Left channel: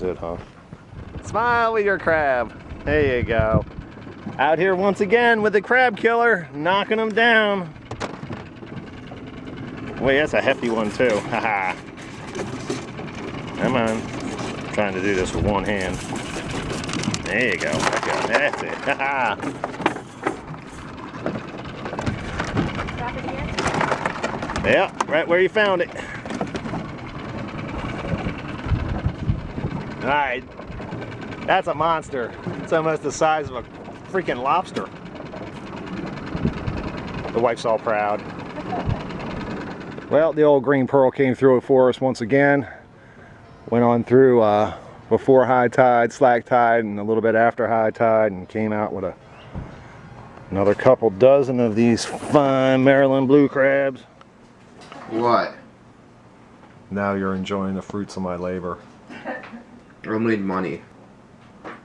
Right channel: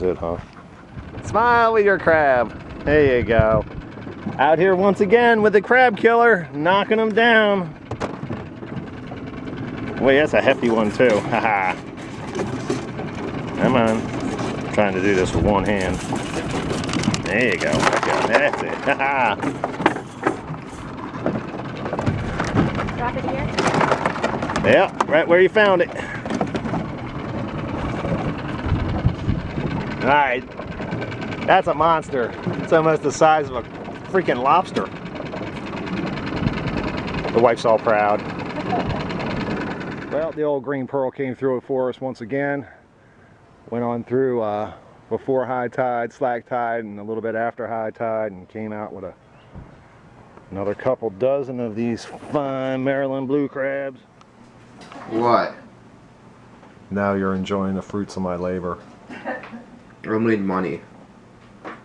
That's it, huh? Smile with your crab. There you go. Out here once again with the crab killer, knocking them down. Wait, that's a hefty one too. Haha. Come on. I'm trying to do this with one hand. There you go. That's it. Haha. Drop it here? Yeah, right where you found it. Alright. That's a monster. It's almost the size of a freaking lobster. The wife's all proud. Well, the old green pearl came through it for us once again. Went on through before high tide, slack tide, and a little bit after high tide, and came out with another couple dozen of these fine Maryland blue crabs. What? Now you're enjoying the fruits of my labor. I need money.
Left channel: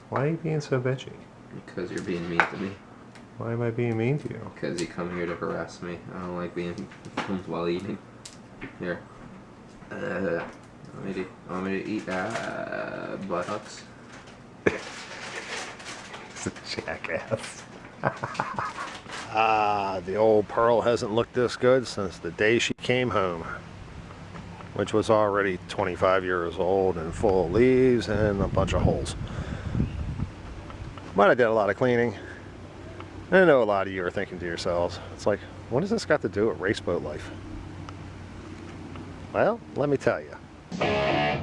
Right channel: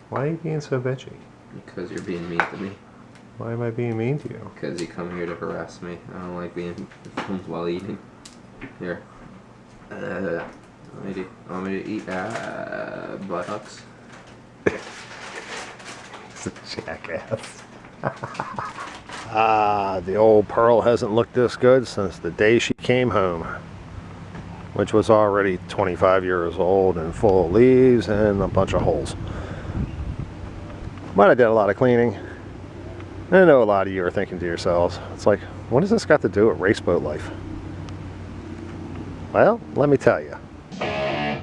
Why are you being so bitchy? Because you're being mean to me. Why am I being mean to you? Because you come here to harass me. I don't like being filmed while eating. Here. Want me to eat buttocks? It's a jackass. The old pearl hasn't looked this good since the day she came home, which was already 25 years old and full of leaves and a bunch of holes. But I did a lot of cleaning. I know a lot of you are thinking to yourselves, it's like, what does this got to do with race boat life? Well, let me tell you. I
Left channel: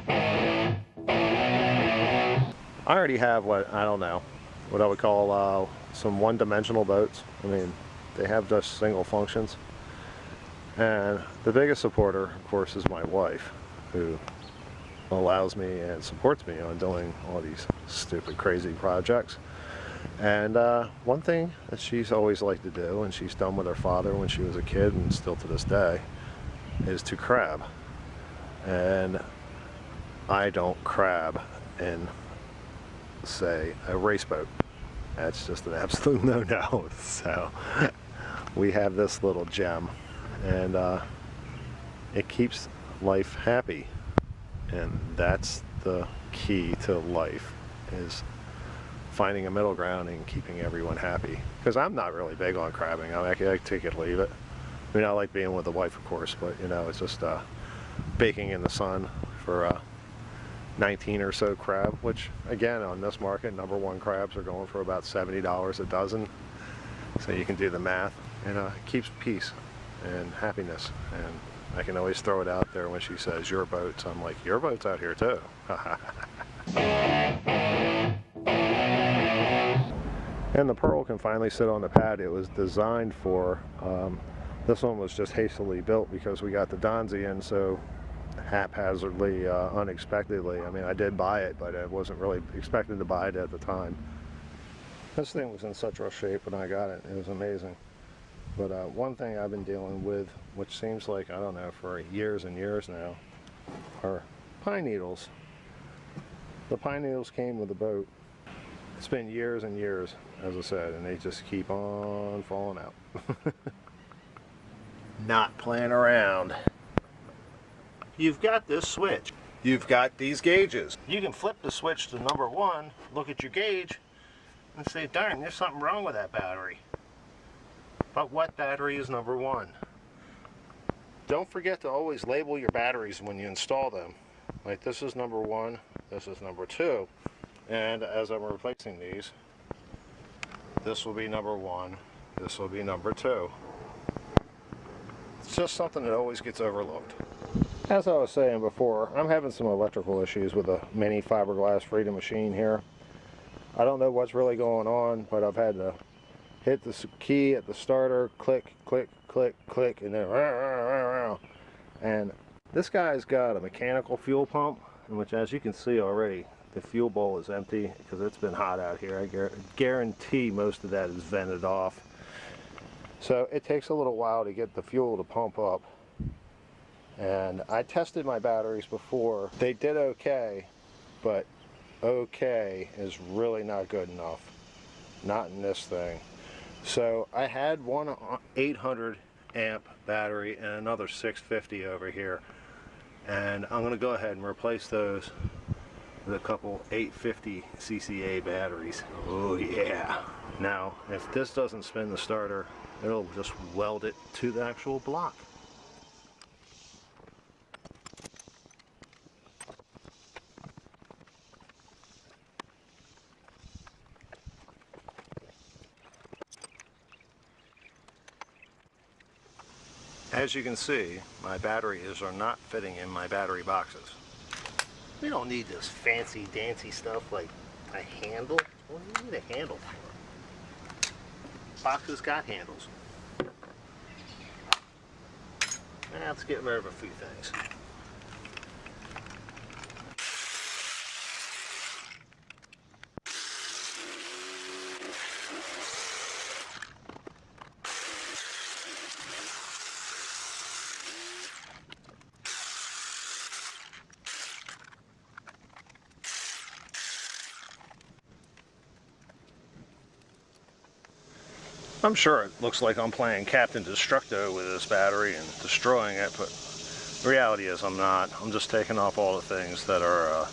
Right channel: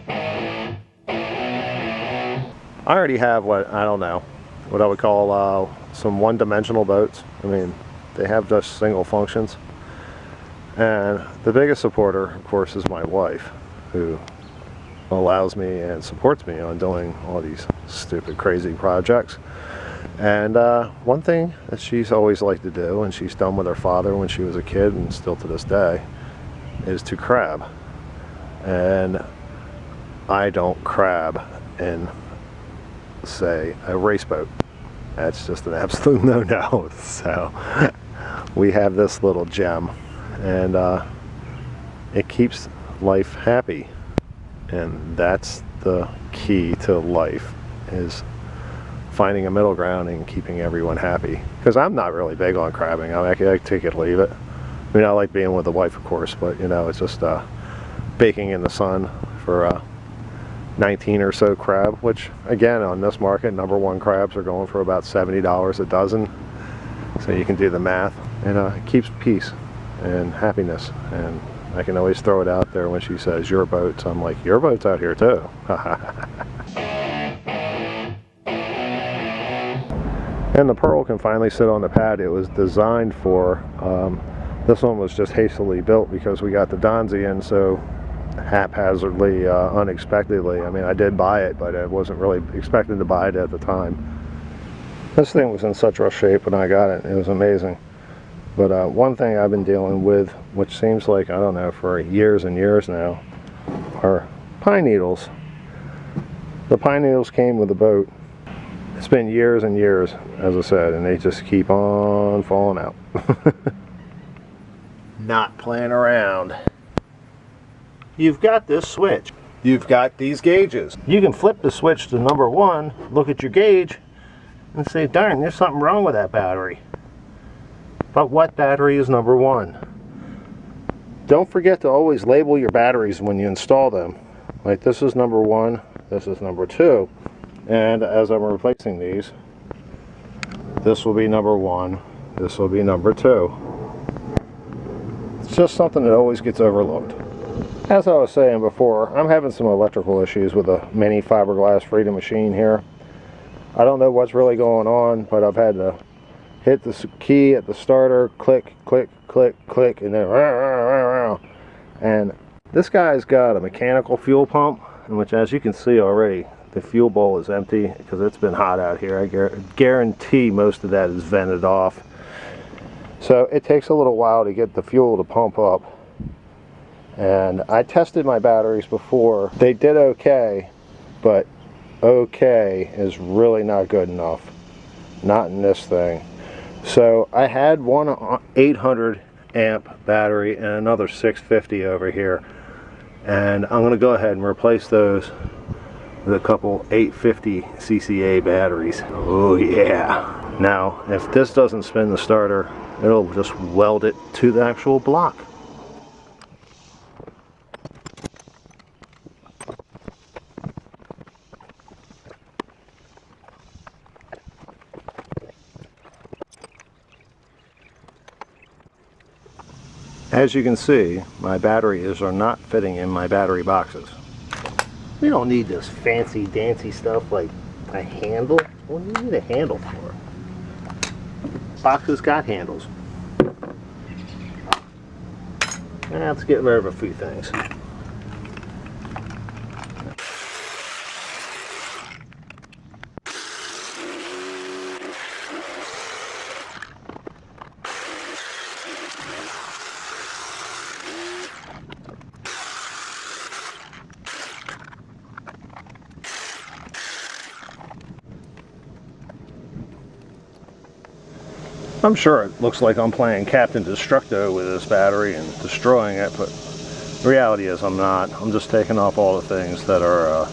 already have what I would call some one-dimensional boats. I mean, they have just single functions. And the biggest supporter, of course, is my wife, who allows me and supports me on doing all these stupid, crazy projects. And one thing that she's always liked to do, and she's done with her father when she was a kid and still to this day, is to crab. And I don't crab in, say, a race boat. That's just an absolute no-no. So we have this little gem, and it keeps life happy. And that's the key to life, is finding a middle ground and keeping everyone happy. Because I'm not really big on crabbing. I take it or leave it. I mean, I like being with the wife, of course, but you know, it's just baking in the sun for 19 or so crab, which again, on this market, #1 crabs are going for about $70 a dozen. So you can do the math, and it keeps peace and happiness. And I can always throw it out there when she says your boats. I'm like, your boat's out here too. And the pearl can finally sit on the pad it was designed for. This one was just hastily built because we got the Donzi in so haphazardly, unexpectedly. I mean, I did buy it, but I wasn't really expecting to buy it at the time. This thing was in such rough shape when I got it. It was amazing. But one thing I've been dealing with, which seems like, I don't know, for years and years now, are pine needles. The pine needles came with the boat. It's been years and years, as I said, and they just keep on falling out. Not playing around. You've got this switch. You've got these gauges. You can flip the switch to #1, look at your gauge, and say, darn, there's something wrong with that battery. But what battery is #1? Don't forget to always label your batteries when you install them. Like, this is #1, this is #2. And as I'm replacing these, this will be #1, this will be #2. It's just something that always gets overlooked. As I was saying before, I'm having some electrical issues with a Mini Fiberglass Freedom Machine here. I don't know what's really going on, but I've had to hit the key at the starter, click, click, click, click, and then and this guy's got a mechanical fuel pump, in which, as you can see already, the fuel bowl is empty because it's been hot out here. I guarantee most of that is vented off. So it takes a little while to get the fuel to pump up. And I tested my batteries before. They did okay, but okay is really not good enough. Not in this thing. So I had one 800 amp battery and another 650 over here. And I'm going to go ahead and replace those with a couple 850 CCA batteries. Oh yeah. Now, if this doesn't spin the starter, it'll just weld it to the actual block. As you can see, my batteries are not fitting in my battery boxes. We don't need this fancy dancy stuff like a handle. What do you need a handle for? Boxes got handles. Let's get rid of a few things. I'm sure it looks like I'm playing Captain Destructo with this battery and destroying it, but the reality is I'm not. I'm just taking off all the things that are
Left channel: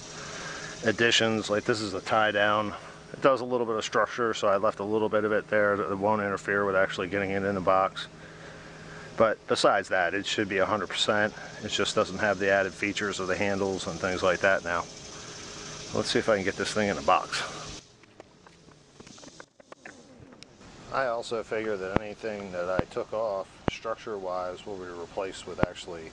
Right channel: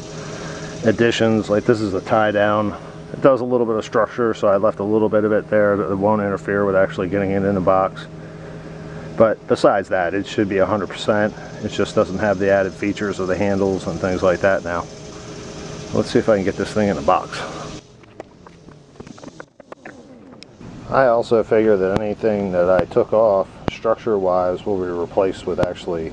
additions. Like this is a tie down. It does a little bit of structure, so I left a little bit of it there that won't interfere with actually getting it in the box. But besides that, it should be 100%. It just doesn't have the added features of the handles and things like that now. Let's see if I can get this thing in the box. I also figure that anything that I took off structure-wise will be replaced with actually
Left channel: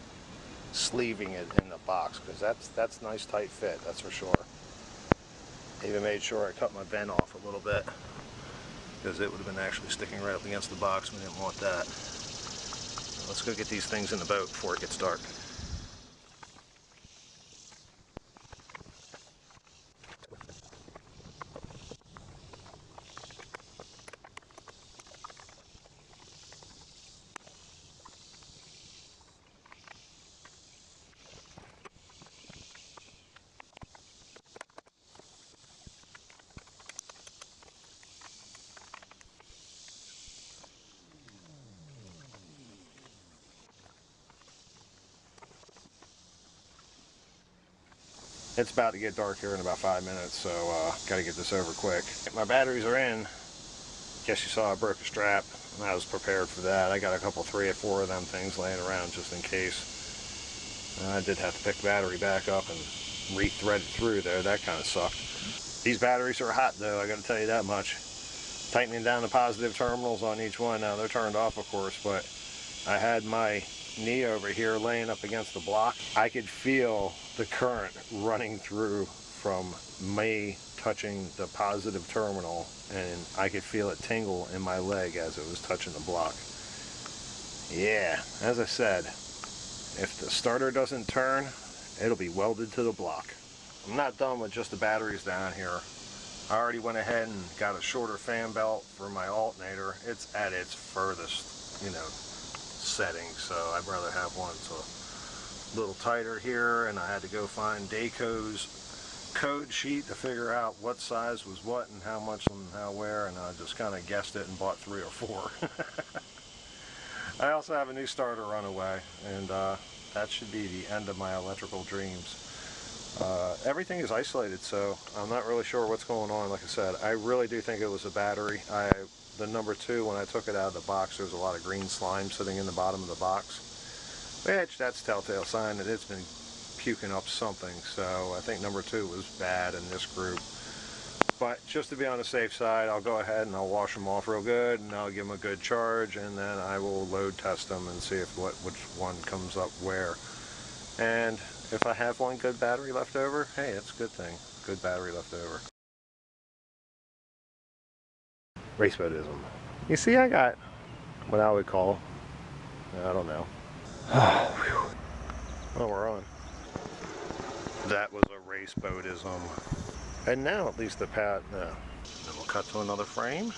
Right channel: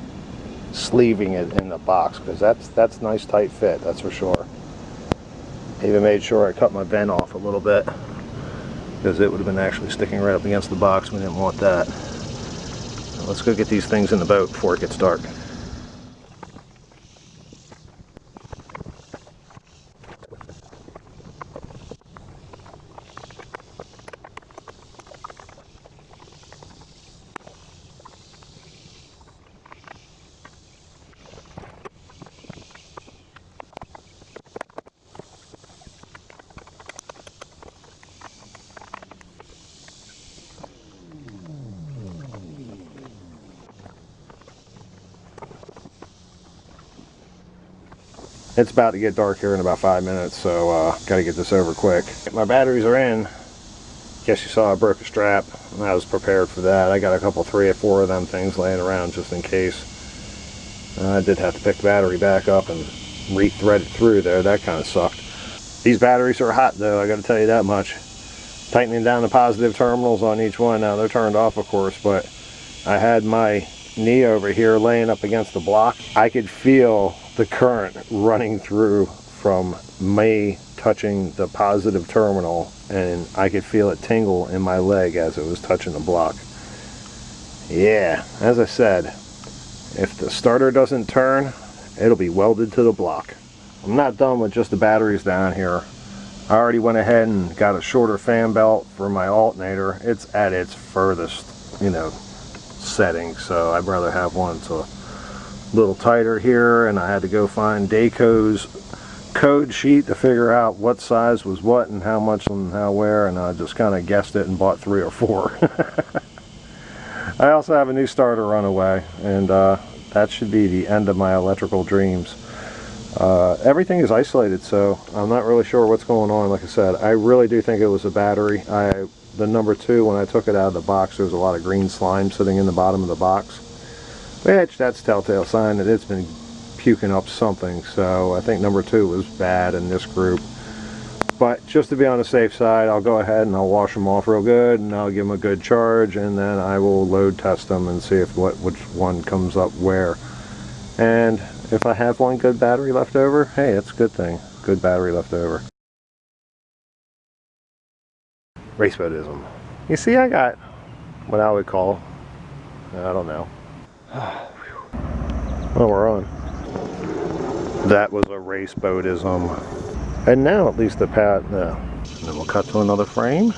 sleeving it in the box, because that's nice tight fit, that's for sure. Even made sure I cut my vent off a little bit, because it would have been actually sticking right up against the box. We didn't want that. Let's go get these things in the boat before it gets dark. It's about to get dark here in about 5 minutes, so gotta get this over quick. My batteries are in. Guess you saw I broke a strap, and I was prepared for that. I got a couple, 3 or 4 of them things laying around just in case. I did have to pick the battery back up and re-thread it through there. That kind of sucked. These batteries are hot though, I gotta tell you that much. Tightening down the positive terminals on each one. Now they're turned off, of course, but I had my knee over here laying up against the block. I could feel the current running through from me touching the positive terminal, and I could feel it tingle in my leg as it was touching the block. Yeah, as I said, if the starter doesn't turn, it'll be welded to the block. I'm not done with just the batteries down here. I already went ahead and got a shorter fan belt for my alternator. It's at its furthest, setting, so I'd rather have one that's a little tighter here, and I had to go find Dayco's code sheet to figure out what size was what and how much and how where, and I just kind of guessed it and bought 3 or 4. I also have a new starter runaway, and that should be the end of my electrical dreams. Everything is isolated, so I'm not really sure what's going on. Like I said, I really do think it was a battery. The number 2, when I took it out of the box, there was a lot of green slime sitting in the bottom of the box, which that's a telltale sign that it's been puking up something. So I think number 2 was bad in this group. But just to be on the safe side, I'll go ahead and I'll wash them off real good, and I'll give them a good charge, and then I will load test them and see if which one comes up where. And if I have one good battery left over, hey, that's a good thing. Good battery left over. Race Boatism. You see, I got what I would call, I don't know. Well, we're on. That was a Race Boatism. And now at least the pad, no. And then we'll cut to another frame.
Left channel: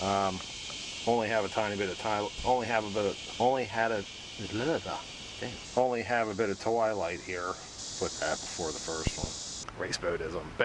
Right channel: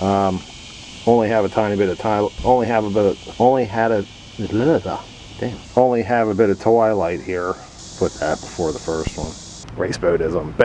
Only have a tiny bit of tile, only have a bit of twilight here. Put that before the first one. Race Boatism.